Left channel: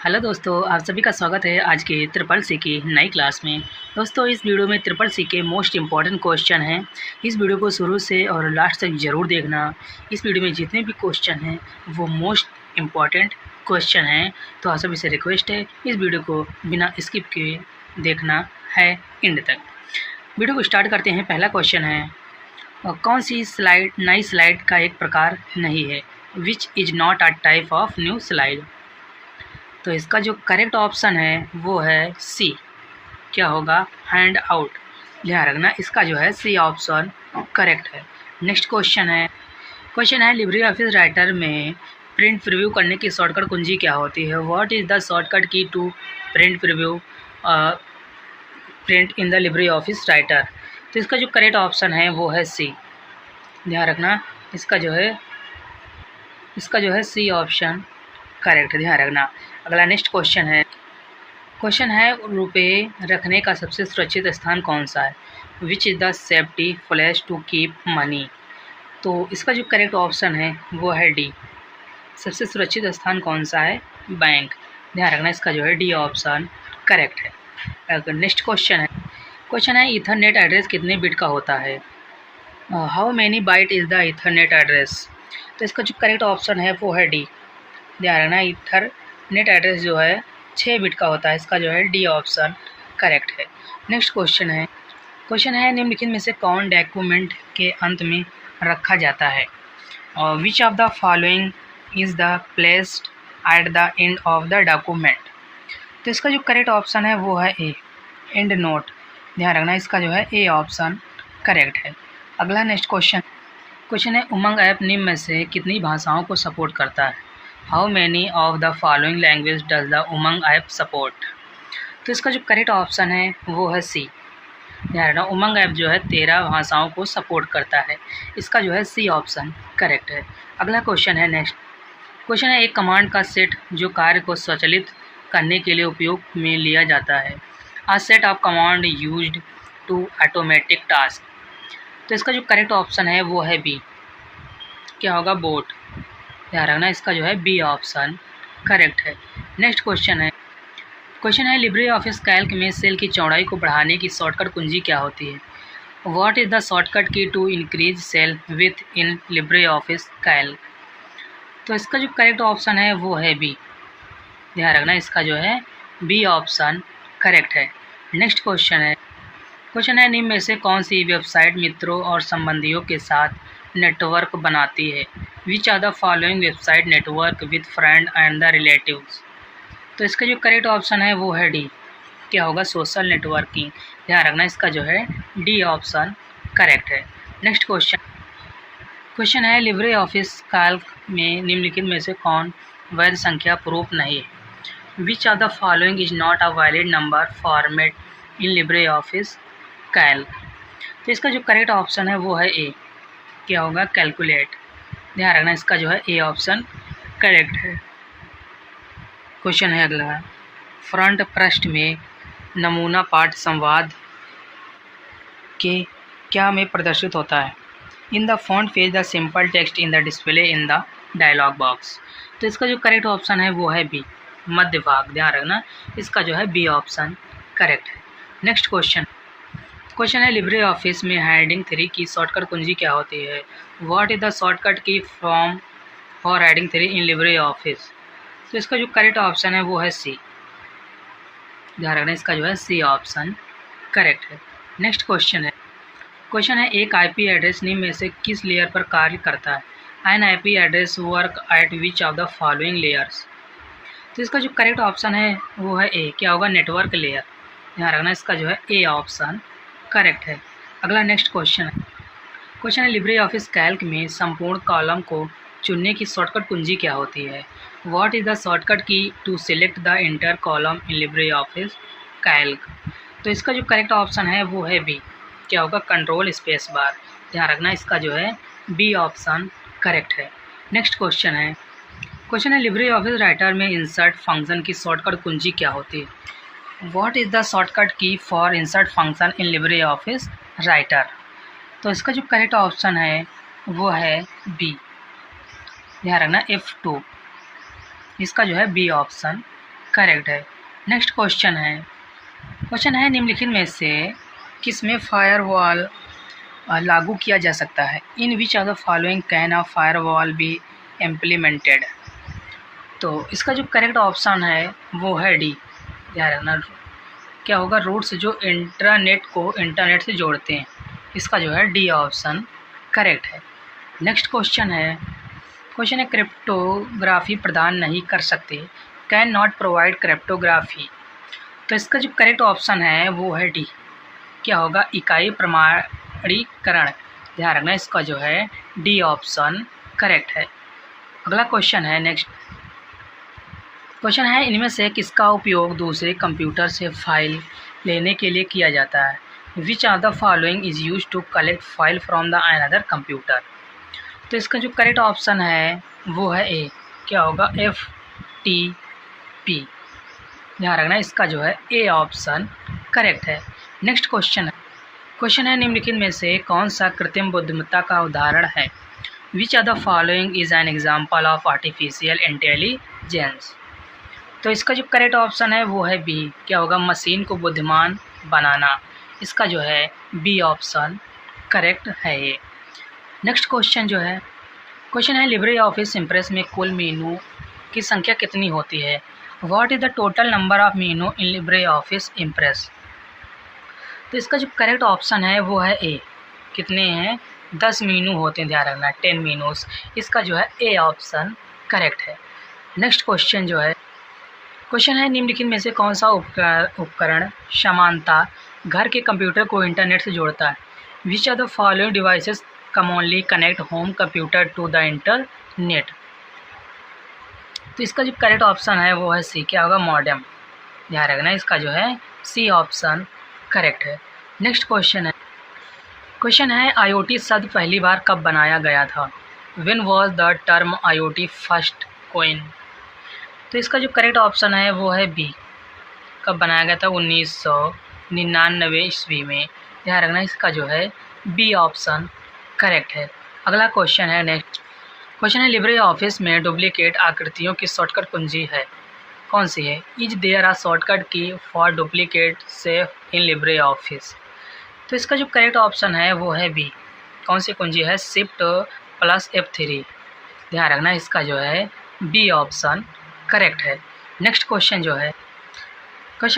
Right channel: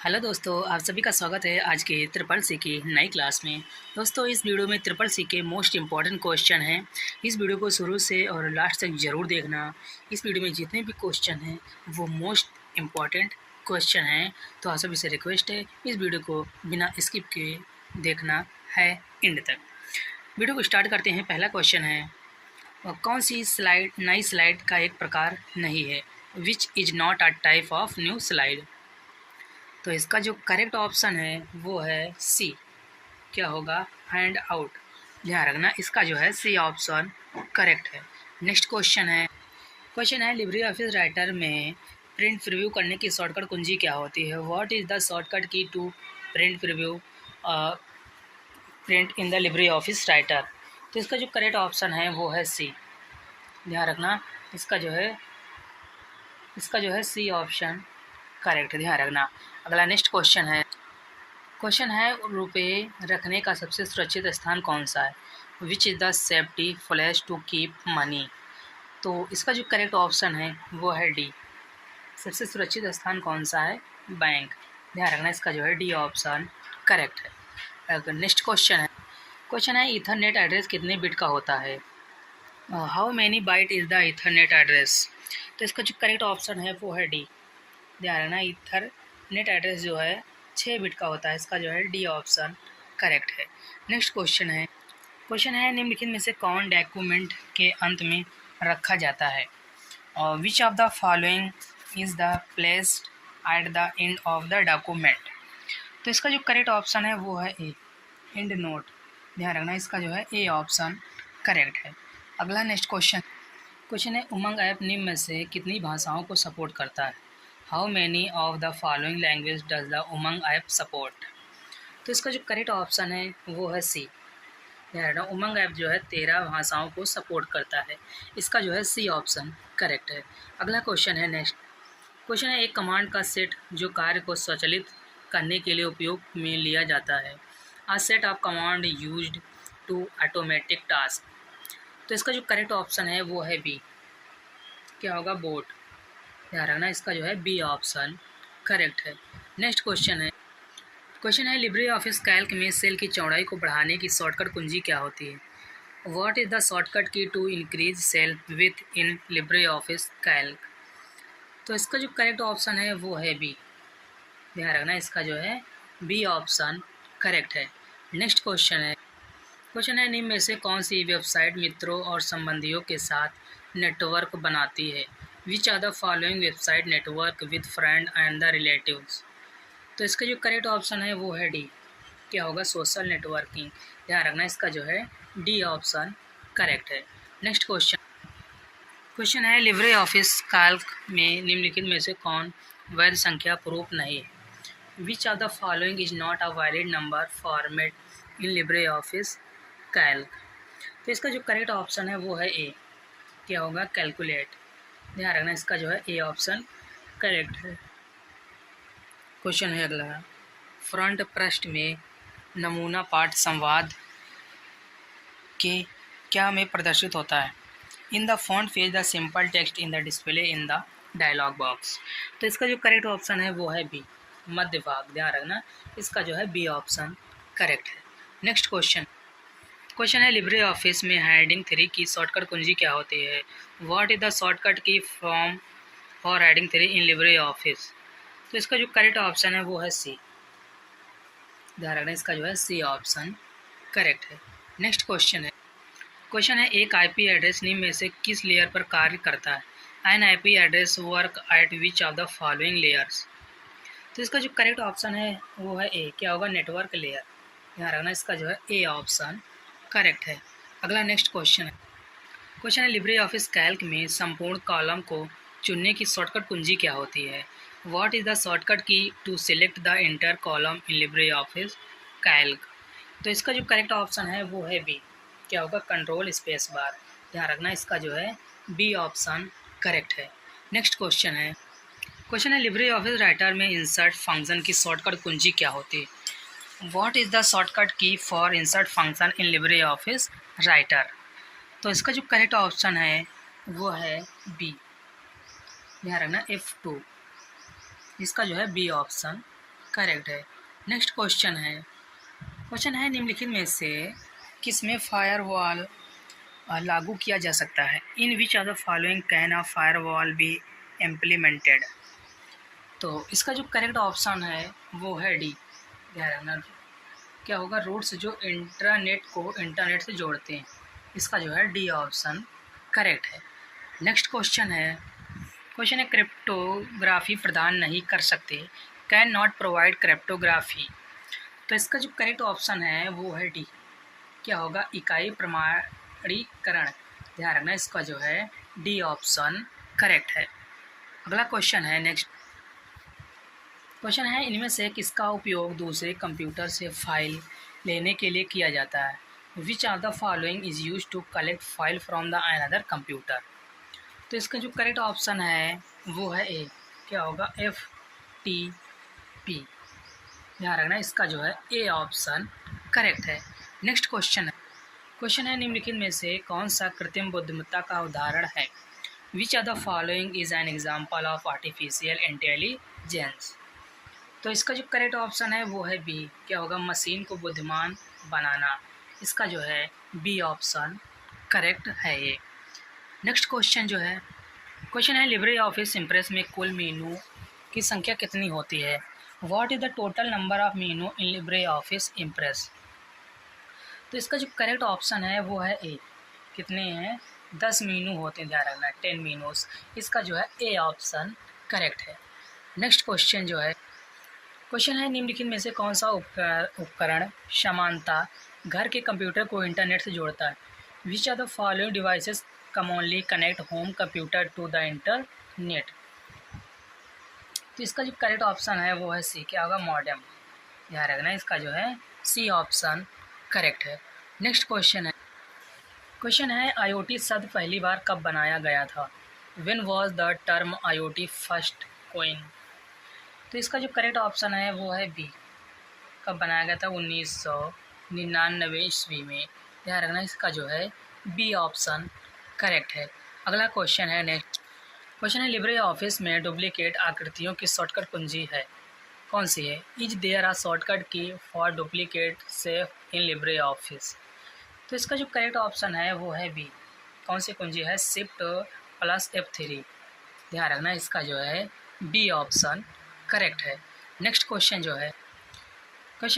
Hello दोस्तों, आप सभी का स्वागत है आज के ट्रिपल सी की नई क्लास में। दोस्तों, इस वीडियो में ट्रिपल सी के मोस्ट इम्पॉर्टेंट क्वेश्चन हैं। इस वीडियो को शुरू से और लास्ट तक ज़रूर देखना। इस वीडियो में जितने भी क्वेश्चन हैं वो मोस्ट इम्पॉर्टेंट क्वेश्चन हैं, तो आप सभी से रिक्वेस्ट है इस वीडियो को बिना स्किप किए देखना है एंड तक। वीडियो को स्टार्ट करते हैं। पहला क्वेश्चन है, कौन सी स्लाइड नई स्लाइड का एक प्रकार नहीं है? Which is not a type of new slide. तो इसका जो करेक्ट ऑप्शन है वो है सी। क्या होगा? Hand out. ध्यान रखना, इसका जो है सी ऑप्शन करेक्ट है। नेक्स्ट क्वेश्चन है लिब्रे ऑफिस राइटर में प्रिंट प्रीव्यू करने की शॉर्टकट कुंजी क्या होती है? What is the shortcut key to print preview print in the LibreOffice Writer. तो इसका जो करेक्ट ऑप्शन है वो है सी। ध्यान रखना, इसका जो है सी ऑप्शन करेक्ट। ध्यान रखना। अगला नेक्स्ट क्वेश्चन है रुपये रखने का सबसे सुरक्षित स्थान कौन सा है? Which is the safety place to keep money. तो इसका जो करेक्ट ऑप्शन है वो है डी। सबसे सुरक्षित स्थान कौन सा है? बैंक। ध्यान रखना, इसका जो है डी ऑप्शन करेक्ट है। अगर नेक्स्ट क्वेश्चन है ईथरनेट एड्रेस कितने बिट का होता है? How many byte is the Ethernet address. तो इसका जो करेक्ट ऑप्शन है वो है डी। ध्यान रखना, ईथरनेट एड्रेस जो है 6 बिट का होता है। इसका जो है डी ऑप्शन करेक्ट है। नेक्स्ट क्वेश्चन है निम्नलिखित में से कौन डॉक्यूमेंट के अंत में रखा जाता है? Which of the following is the placed at the end of the document. तो इसका जो करेक्ट ऑप्शन है वो है ए, एंड नोट। ध्यान रखना, इसका जो है ए ऑप्शन करेक्ट है। अगला नेक्स्ट क्वेश्चन है उमंग ऐप निम्न में से कितनी भाषाओं को सपोर्ट करता है? How many of the following language does the Umang app support. तो इसका जो करेक्ट ऑप्शन है वो है सी। ध्यान रखना, उमंग ऐप जो है 13 भाषाओं को सपोर्ट करता है। इसका जो है सी ऑप्शन करेक्ट है। अगला क्वेश्चन है एक कमांड का सेट जो कार्य को स्वचालित करने के लिए उपयोग में लिया जाता है। A set of command used to automatic task. तो इसका जो करेक्ट ऑप्शन है वो है बी। क्या होगा? बोट। ध्यान रखना, इसका जो है बी ऑप्शन करेक्ट है। नेक्स्ट क्वेश्चन है लिब्रे ऑफिस कैल्क में सेल की चौड़ाई को बढ़ाने की शॉर्टकट कुंजी क्या होती है? What is the shortcut key to increase cell within LibreOffice Calc. तो इसका जो करेक्ट ऑप्शन है वो है बी। ध्यान रखना, इसका जो है बी ऑप्शन करेक्ट है। नेक्स्ट क्वेश्चन है निम्न में से कौन सी वेबसाइट मित्रों और संबंधियों के साथ नेटवर्क बनाती है? Which are the following website network with friend and the relatives. तो इसका जो करेक्ट ऑप्शन है वो है डी। क्या होगा? Social networking. ध्यान रखना, इसका जो है डी ऑप्शन करेक्ट है। नेक्स्ट क्वेश्चन है लिब्रे ऑफिस कैल्क में निम्नलिखित में से कौन वैध संख्या प्रूफ नहीं है? Which are the following is not a valid number format in LibreOffice Calc. तो इसका जो करेक्ट ऑप्शन है वो है ए। क्या होगा? कैलकुलेट। ध्यान रखना, इसका जो है ए ऑप्शन करेक्ट है। क्वेश्चन है अगला, फ्रंट पृष्ठ में नमूना पाठ संवाद के क्या में प्रदर्शित होता है? In the font page the simple text in the display in the dialog box. तो इसका जो करेक्ट ऑप्शन है वो है बी, मध्य भाग। ध्यान रखना, इसका जो है बी ऑप्शन करेक्ट है। नेक्स्ट क्वेश्चन है लिब्रे ऑफिस में हेडिंग 3 की शॉर्टकट कुंजी क्या होती है? व्हाट इज़ द शॉर्टकट की form for heading 3 in Libre office. तो इसका जो करेक्ट ऑप्शन है वो है सी। ध्यान रखना, इसका जो है सी ऑप्शन करेक्ट है। नेक्स्ट क्वेश्चन है एक आईपी एड्रेस निम्न में से किस लेयर पर कार्य करता है? N IP address work at which of the following layers. तो इसका जो करेक्ट ऑप्शन है वो है ए। क्या होगा? Network layer. ध्यान रखना, इसका जो है ए ऑप्शन करेक्ट है। अगला नेक्स्ट क्वेश्चन है लिब्रे ऑफिस कैल्क में संपूर्ण कॉलम को चुनने की शॉर्टकट कुंजी क्या होती है? What is the shortcut key to select the entire column in LibreOffice Calc. तो इसका जो करेक्ट ऑप्शन है वो है बी। क्या होगा? Control space bar. ध्यान रखना, इसका जो है बी ऑप्शन करेक्ट है। नेक्स्ट क्वेश्चन है लिब्रे ऑफिस राइटर में इंसर्ट फंक्शन की शॉर्टकट कुंजी क्या होती है? व्हाट इज़ द शॉर्टकट की for insert function in LibreOffice Writer. तो इसका जो करेक्ट ऑप्शन है वो है बी। ध्यान रखना, F2। इसका जो है बी ऑप्शन करेक्ट है। नेक्स्ट क्वेश्चन है निम्नलिखित में से किसमें फायरवॉल लागू किया जा सकता है? In which of the following can a firewall be implemented? तो इसका जो करेक्ट ऑप्शन है वो है डी। ध्यान रखना, क्या होगा, रूट्स जो इंटरनेट को इंटरनेट से जोड़ते हैं, इसका जो है डी ऑप्शन करेक्ट है। नेक्स्ट क्वेश्चन है क्रिप्टोग्राफी प्रदान नहीं कर सकते, कैन नॉट प्रोवाइड क्रिप्टोग्राफी। तो इसका जो करेक्ट ऑप्शन है वो है डी। क्या होगा, इकाई प्रमाणीकरण। ध्यान रखना, इसका जो है डी ऑप्शन करेक्ट है। अगला क्वेश्चन है इनमें से किसका उपयोग दूसरे कंप्यूटर से फाइल लेने के लिए किया जाता है? Which of the following is use to collect file from the another computer? तो इसका जो करेक्ट ऑप्शन है वो है ए। क्या होगा, FTP। ध्यान रखना, इसका जो है ए ऑप्शन करेक्ट है। नेक्स्ट क्वेश्चन है निम्नलिखित में से कौन सा कृत्रिम बुद्धिमत्ता का उदाहरण है? Which of the following is an example of artificial intelligence? तो इसका जो करेक्ट ऑप्शन है वो है बी। क्या होगा, मशीन को बुद्धिमान बनाना। इसका जो है बी ऑप्शन करेक्ट है ये। नेक्स्ट क्वेश्चन है लिब्रे ऑफिस इम्प्रेस में कुल मेनू की संख्या कितनी होती है? What is the total number of menu in Libre office impress? तो इसका जो करेक्ट ऑप्शन है वो है ए। कितने हैं, 10 मेनू होते हैं। ध्यान रखना, 10 मेनूस। इसका जो है ए ऑप्शन करेक्ट है। नेक्स्ट क्वेश्चन है निम्नलिखित में से कौन सा उपकरण समानता घर के कंप्यूटर को इंटरनेट से जोड़ता है? Which are the following devices commonly connect home computer to the internet? तो इसका जो करेक्ट ऑप्शन है वो है सी। क्या होगा, मॉडेम। ध्यान रखना, इसका जो है सी ऑप्शन करेक्ट है। नेक्स्ट क्वेश्चन है IoT शब्द पहली बार कब बनाया गया था? When was the term IoT first coin? तो इसका जो करेक्ट ऑप्शन है वो है बी। कब बनाया गया था? 1999 ईस्वी में। ध्यान रखना, इसका जो है बी ऑप्शन करेक्ट है। अगला क्वेश्चन है लिब्रे ऑफिस में डुप्लीकेट आकृतियों की शॉर्टकट कुंजी है, कौन सी है? इज देयर आ शॉर्टकट की for duplicate safe in Libre office? तो इसका जो करेक्ट ऑप्शन है वो है बी। कौन सी कुंजी है? Shift plus F3। ध्यान रखना, इसका जो है बी ऑप्शन करेक्ट है। नेक्स्ट क्वेश्चन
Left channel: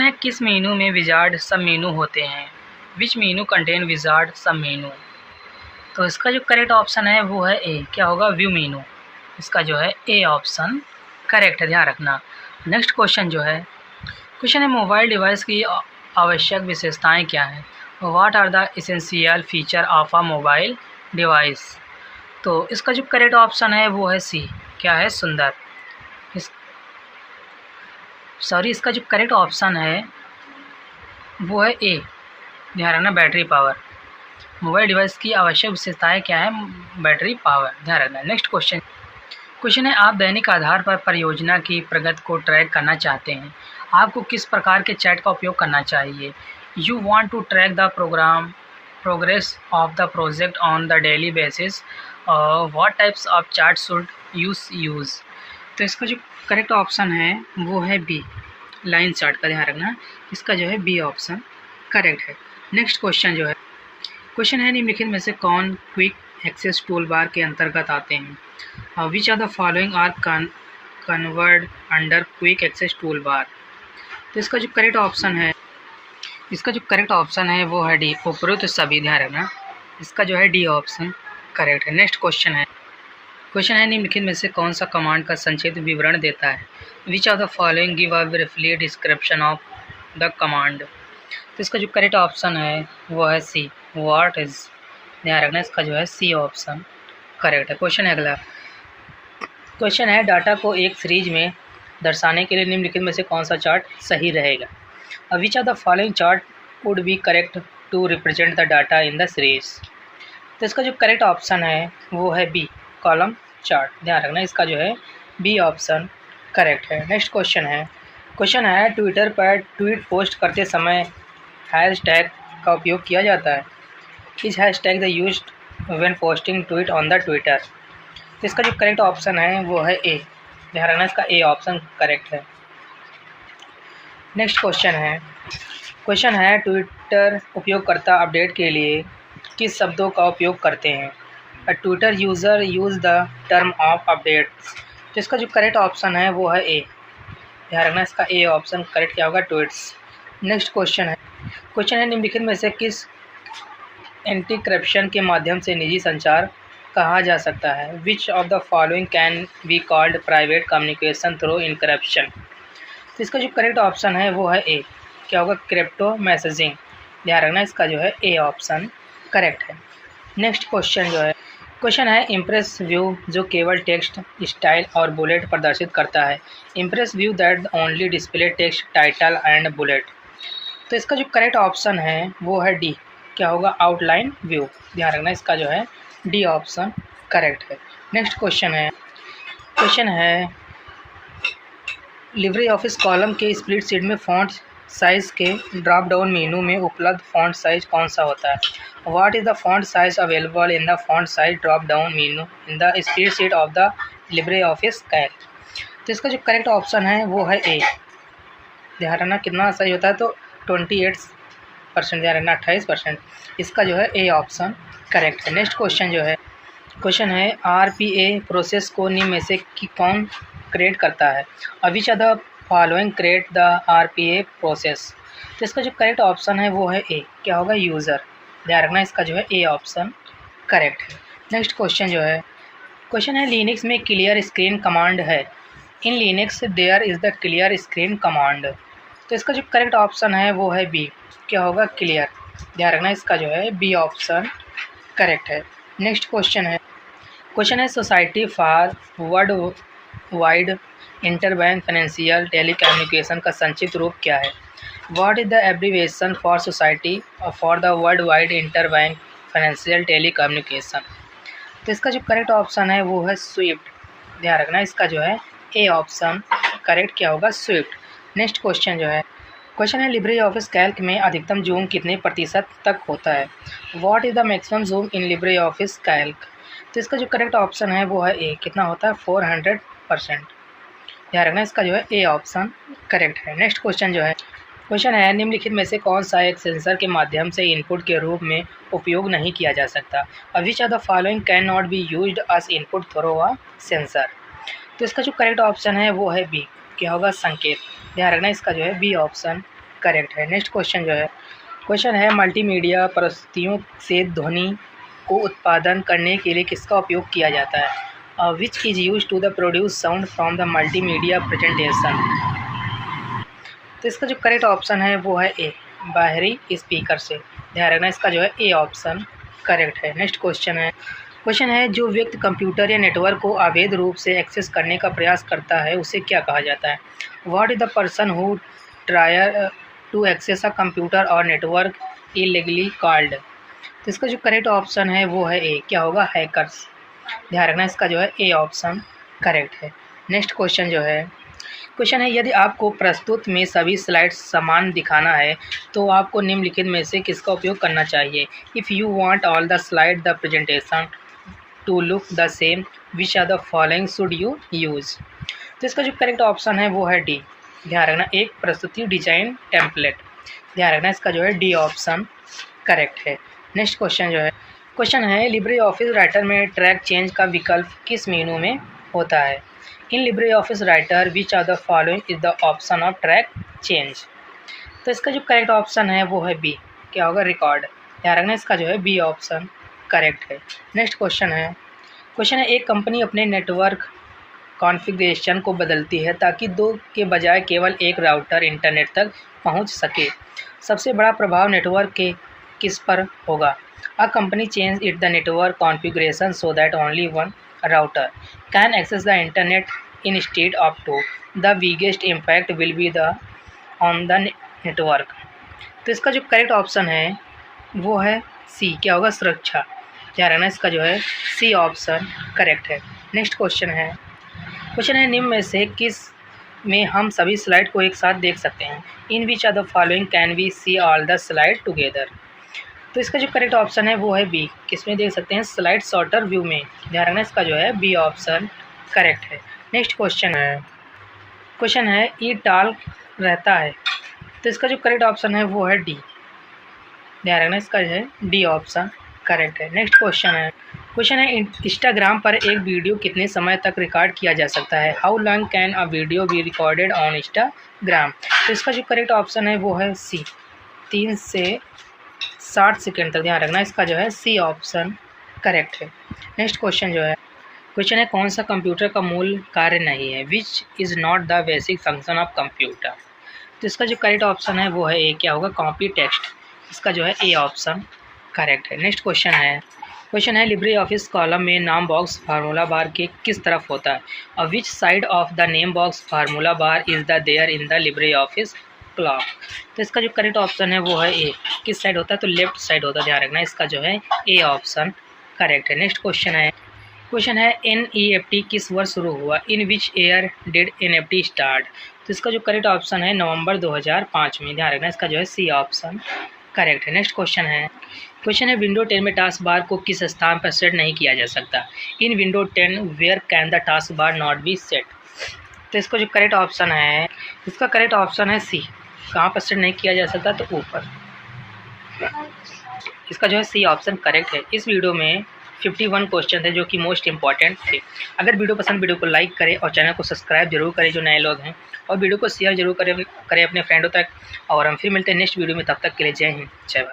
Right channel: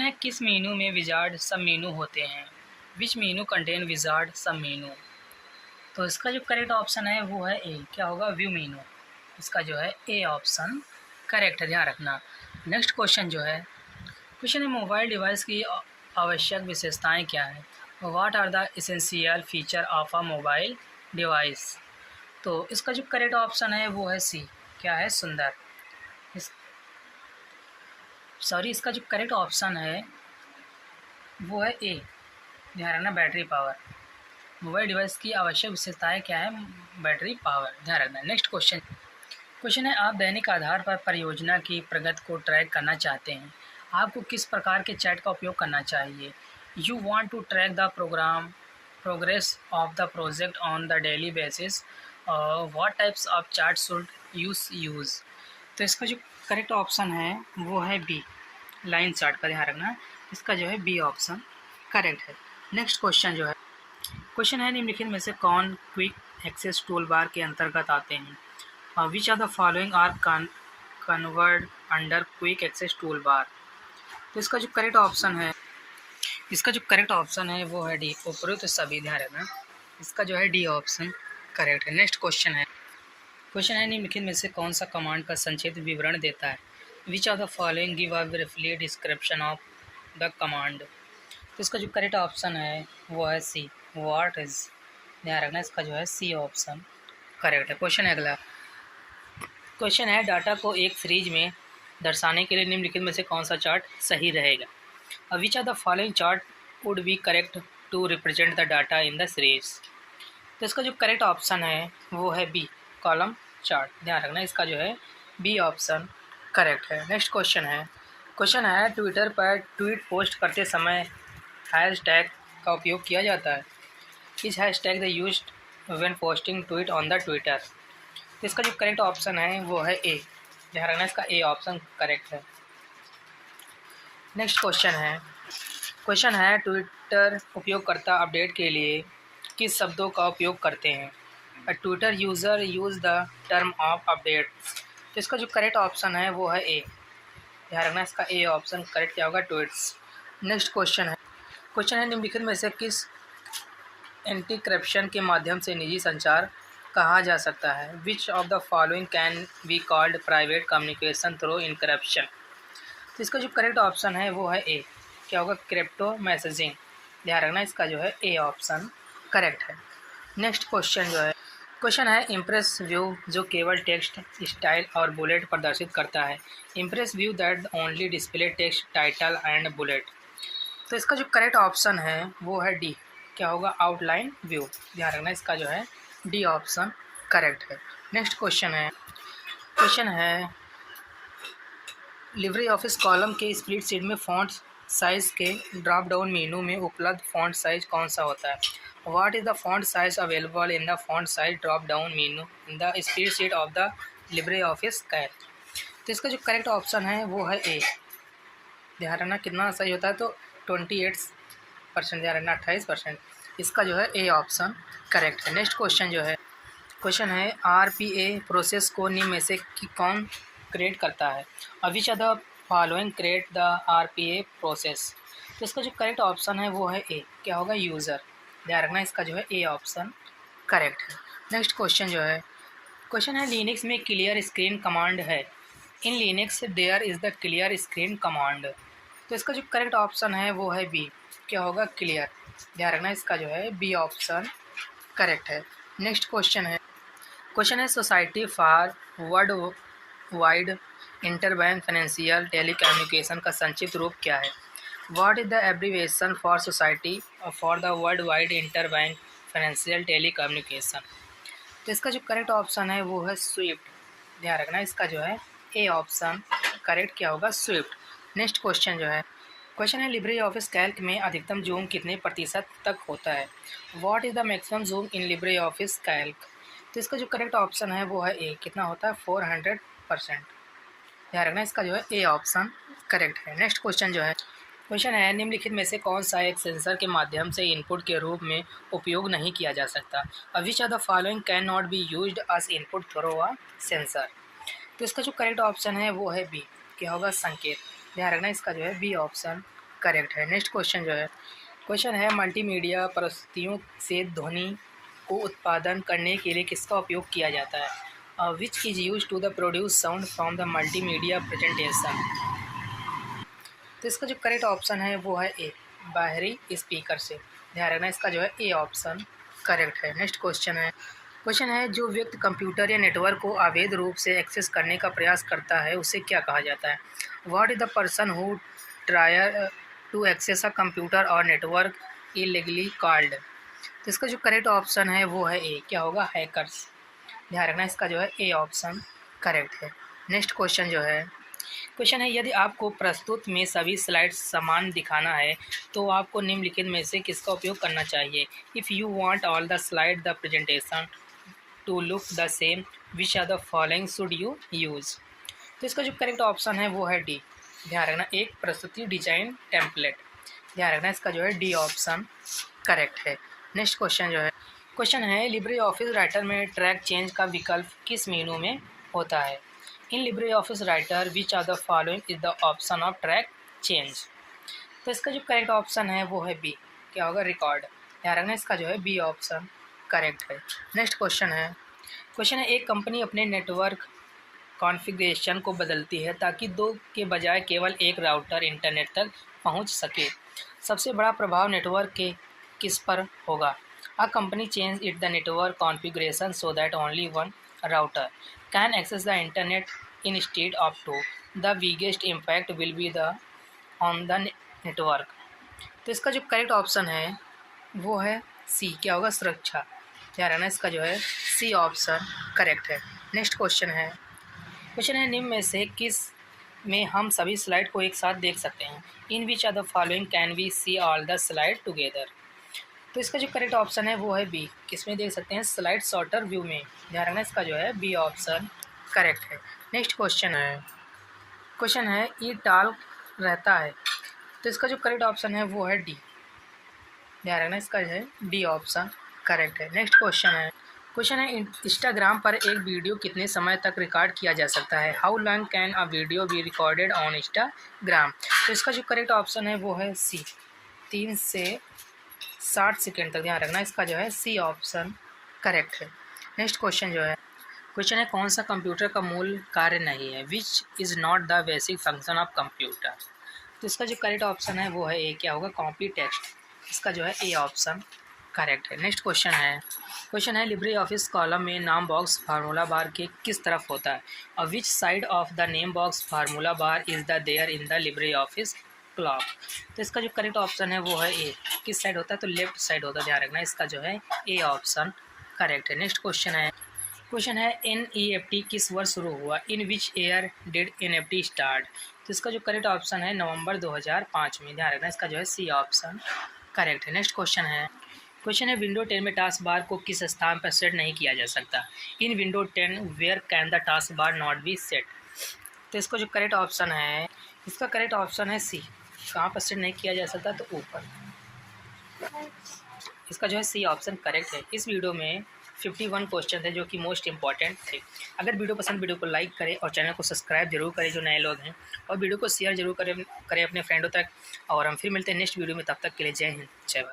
है किस मेनू में विजार्ड सब मेनू होते हैं? विच मेनू कंटेन विजार्ड सब मेनू? तो इसका जो करेक्ट ऑप्शन है वो है ए। क्या होगा, व्यू मेनू। इसका जो है ए ऑप्शन करेक्ट है। ध्यान रखना। नेक्स्ट क्वेश्चन है मोबाइल डिवाइस की आवश्यक विशेषताएं क्या हैं? What are the essential feature of a mobile device? तो इसका जो करेक्ट ऑप्शन है वो है सी। क्या है, सुंदर। इसका जो करेक्ट ऑप्शन है वो है ए। ध्यान रखना, बैटरी पावर। मोबाइल डिवाइस की आवश्यक विशेषताएं क्या है? Battery power. ध्यान रखना। नेक्स्ट क्वेश्चन है आप दैनिक आधार पर परियोजना की प्रगति को ट्रैक करना चाहते हैं, आपको किस प्रकार के चैट का उपयोग करना चाहिए? You want to track the progress of the project on the daily basis, what types of chat should use? तो इसका जो करेक्ट ऑप्शन है वो है बी, लाइन चार्ट का। ध्यान रखना, इसका जो है बी ऑप्शन करेक्ट है। नेक्स्ट क्वेश्चन है निम्नलिखित में से कौन क्विक एक्सेस टूल बार के अंतर्गत आते हैं? Which are the following are covered under quick access tool bar? तो इसका जो करेक्ट ऑप्शन है वो है डी, उपरोक्त सभी। ध्यान रखना, इसका जो है डी ऑप्शन करेक्ट है। नेक्स्ट क्वेश्चन है निम्नलिखित में से कौन सा कमांड का संक्षिप्त विवरण देता है? Which of the following give a briefly description of the command? तो इसका जो करेक्ट ऑप्शन है वो है सी, व्हाट इज। ध्यान रखना, इसका जो है सी ऑप्शन करेक्ट है। अगला क्वेश्चन है डाटा को एक सीरीज में दर्शाने के लिए निम्नलिखित में से कौन सा चार्ट सही रहेगा? Which of the following chart would be correct to represent the data in the series? तो इसका जो करेक्ट ऑप्शन है वो है बी, कॉलम चार्ट। ध्यान रखना, इसका जो है बी ऑप्शन करेक्ट है। नेक्स्ट क्वेश्चन है ट्विटर पर ट्वीट पोस्ट करते समय हैशटैग का उपयोग किया जाता है? इस hashtag the used when posting tweet on the Twitter? तो इसका जो करेक्ट ऑप्शन है वो है ए। ध्यान रखना, इसका ए ऑप्शन करेक्ट है। नेक्स्ट क्वेश्चन है ट्विटर उपयोगकर्ता अपडेट के लिए किस शब्दों का उपयोग करते हैं? A Twitter user use the term of updates. तो इसका जो करेक्ट ऑप्शन है वो है ए। ध्यान रखना, इसका ए ऑप्शन करेक्ट क्या होगा? ट्वीट्स। नेक्स्ट क्वेश्चन है निम्नलिखित में से किस एंटीक्रिप्शन के माध्यम से निजी संचार कहा जा सकता है? Which of the following can be called private communication through encryption. तो इसका जो करेक्ट ऑप्शन है वो है ए। क्या होगा? Crypto messaging. ध्यान रखना, इसका जो है ए ऑप्शन करेक्ट है। नेक्स्ट क्वेश्चन है इम्प्रेस व्यू जो केवल टेक्स्ट, स्टाइल और बुलेट प्रदर्शित करता है। Impress view that only display text, title and bullet. तो इसका जो करेक्ट ऑप्शन है वो है डी। क्या होगा? Outline view. ध्यान रखना, इसका जो है डी ऑप्शन करेक्ट है। नेक्स्ट क्वेश्चन है लिब्रे ऑफिस कॉलम के स्प्लिट शीट में फ़ॉन्ट साइज़ के ड्रॉप डाउन मेनू में उपलब्ध फ़ॉन्ट साइज़ कौन सा होता है? What is the font size available in the font size drop down menu in the split sheet of the LibreOffice Calc. तो इसका जो करेक्ट ऑप्शन है वो है ए। ध्यान रखना, कितना सही होता है? तो 28%। ध्यान रखना, 28%। इसका जो है ए ऑप्शन करेक्ट है। नेक्स्ट क्वेश्चन है आरपीए प्रोसेस को निम्न में से कौन क्रिएट करता है? Which are the following create the RPA process. तो इसका जो करेक्ट ऑप्शन है वो है ए। क्या होगा? यूज़र। ध्यान रखना, इसका जो है ए ऑप्शन करेक्ट है। नेक्स्ट क्वेश्चन है लिनक्स में क्लियर स्क्रीन कमांड है। In Linux there is the clear screen command. तो इसका जो करेक्ट ऑप्शन है वो है बी। क्या होगा? क्लियर। ध्यान रखना, इसका जो है बी ऑप्शन करेक्ट है। नेक्स्ट क्वेश्चन है society for world wide interbank financial telecommunication का संक्षिप्त रूप क्या है? What is the abbreviation for society for the world wide interbank financial telecommunication. तो इसका जो करेक्ट ऑप्शन है वो है स्विफ्ट। ध्यान रखना, इसका जो है ए ऑप्शन करेक्ट क्या होगा? स्विफ्ट। नेक्स्ट क्वेश्चन है लिब्रे ऑफिस कैल्क में अधिकतम जूम कितने प्रतिशत तक होता है? What is the maximum zoom in LibreOffice Calc. तो इसका जो करेक्ट ऑप्शन है वो है ए। कितना होता है? 400%। ध्यान रखना, इसका जो है ए ऑप्शन करेक्ट है। नेक्स्ट क्वेश्चन है निम्नलिखित में से कौन सा एक सेंसर के माध्यम से इनपुट के रूप में उपयोग नहीं किया जा सकता? Which are the following can not be used as input through a sensor. तो इसका जो करेक्ट ऑप्शन है वो है बी। क्या होगा? संकेत। ध्यान रखना, इसका जो है बी ऑप्शन करेक्ट है। नेक्स्ट क्वेश्चन है मल्टीमीडिया प्रस्तुतियों से ध्वनि को उत्पादन करने के लिए किसका उपयोग किया जाता है? Which is use to the produce sound from the multimedia presentation. तो इसका जो करेक्ट ऑप्शन है वो है ए। बाहरी स्पीकर से। ध्यान रखना, इसका जो है ए ऑप्शन करेक्ट है। नेक्स्ट क्वेश्चन है जो व्यक्ति कंप्यूटर या नेटवर्क को अवैध रूप से एक्सेस करने का प्रयास करता है उसे क्या कहा जाता है? What is the person who tries to access a computer or network illegally called. तो इसका जो करेक्ट ऑप्शन है वो है ए। क्या होगा? हैकर्स। ध्यान रखना, इसका जो है ए ऑप्शन करेक्ट है। नेक्स्ट क्वेश्चन है यदि आपको प्रस्तुत में सभी स्लाइड्स समान दिखाना है तो आपको निम्नलिखित में से किसका उपयोग करना चाहिए? If you want all the slide the presentation to look the same which are the following should you use. तो इसका जो करेक्ट ऑप्शन है वो है डी। ध्यान रखना, एक प्रस्तुति डिजाइन टेम्पलेट। ध्यान रखना, इसका जो है डी ऑप्शन करेक्ट है। नेक्स्ट क्वेश्चन है लिब्रे ऑफिस राइटर में ट्रैक चेंज का विकल्प किस मेनू में होता है? In LibreOffice Writer which are the following is the option of track change. तो इसका जो करेक्ट ऑप्शन है वो है बी। क्या होगा? रिकॉर्ड। ध्यान रखना, इसका जो है बी ऑप्शन करेक्ट है। नेक्स्ट क्वेश्चन है एक कंपनी अपने नेटवर्क कॉन्फ़िगरेशन को बदलती है ताकि दो के बजाय केवल एक राउटर इंटरनेट तक पहुंच सके। सबसे बड़ा प्रभाव नेटवर्क के किस पर होगा? A company change it the network configuration so that only one router can access the internet instead of two. The biggest impact will be the on the network. तो इसका जो करेक्ट ऑप्शन है वो है सी। क्या होगा? सुरक्षा। ध्यान रखना, इसका जो है सी ऑप्शन करेक्ट है। नेक्स्ट क्वेश्चन है निम्न में से किस में हम सभी स्लाइड को एक साथ देख सकते हैं? In which are the following can we see all the slide together. तो इसका जो करेक्ट ऑप्शन है वो है बी। किस में देख सकते हैं? स्लाइड सॉर्टर व्यू में। ध्यान रखना, इसका जो है बी ऑप्शन करेक्ट है। नेक्स्ट क्वेश्चन है ई टॉल रहता है तो इसका जो करेक्ट ऑप्शन है वो है डी। ध्यान रखना, इसका जो है डी ऑप्शन करेक्ट है। नेक्स्ट क्वेश्चन है इंस्टाग्राम पर एक वीडियो कितने समय तक रिकॉर्ड किया जा सकता है? How long can a video be recorded on Instagram? तो इसका जो करेक्ट ऑप्शन है वो है सी, 3 से 60 सेकेंड तक। ध्यान रखना, इसका जो है सी ऑप्शन करेक्ट है। नेक्स्ट क्वेश्चन है कौन सा कंप्यूटर का मूल कार्य नहीं है? Which is not the basic function of computer? तो इसका जो करेक्ट ऑप्शन है वो है ए, क्या होगा? Copy text. इसका जो है ए ऑप्शन करेक्ट है। नेक्स्ट क्वेश्चन है लिब्रे ऑफिस कॉलम में नाम बॉक्स फार्मूला बार के किस तरफ होता है? और which side of the name box formula bar is the there in the LibreOffice Calc? तो इसका जो करेक्ट ऑप्शन है वो है ए। किस साइड होता है? तो लेफ्ट साइड होता है। ध्यान रखना, इसका जो है ए ऑप्शन करेक्ट है। नेक्स्ट क्वेश्चन है NEFT किस वर्ष शुरू हुआ? In which year did NEFT start? तो इसका जो करेक्ट ऑप्शन है नवंबर 2005 में। ध्यान रखना, इसका जो है सी ऑप्शन करेक्ट है। नेक्स्ट क्वेश्चन है विंडो 10 में टास्क बार को किस स्थान पर सेट नहीं किया जा सकता? In Window 10 where can the task bar not be set? तो इसका जो करेक्ट ऑप्शन है, इसका करेक्ट ऑप्शन है सी। कहाँ पर सेट नहीं किया जा सकता? तो ऊपर। इसका जो है सी ऑप्शन करेक्ट है। इस वीडियो में 51 क्वेश्चन थे जो कि मोस्ट इंपॉर्टेंट थे। अगर वीडियो को लाइक करें और चैनल को सब्सक्राइब जरूर करें जो नए लोग हैं, और वीडियो को शेयर जरूर करें अपने फ्रेंडों तक। और हम फिर मिलते हैं नेक्स्ट वीडियो में, तब तक के लिए जय हिंद, जय भारत।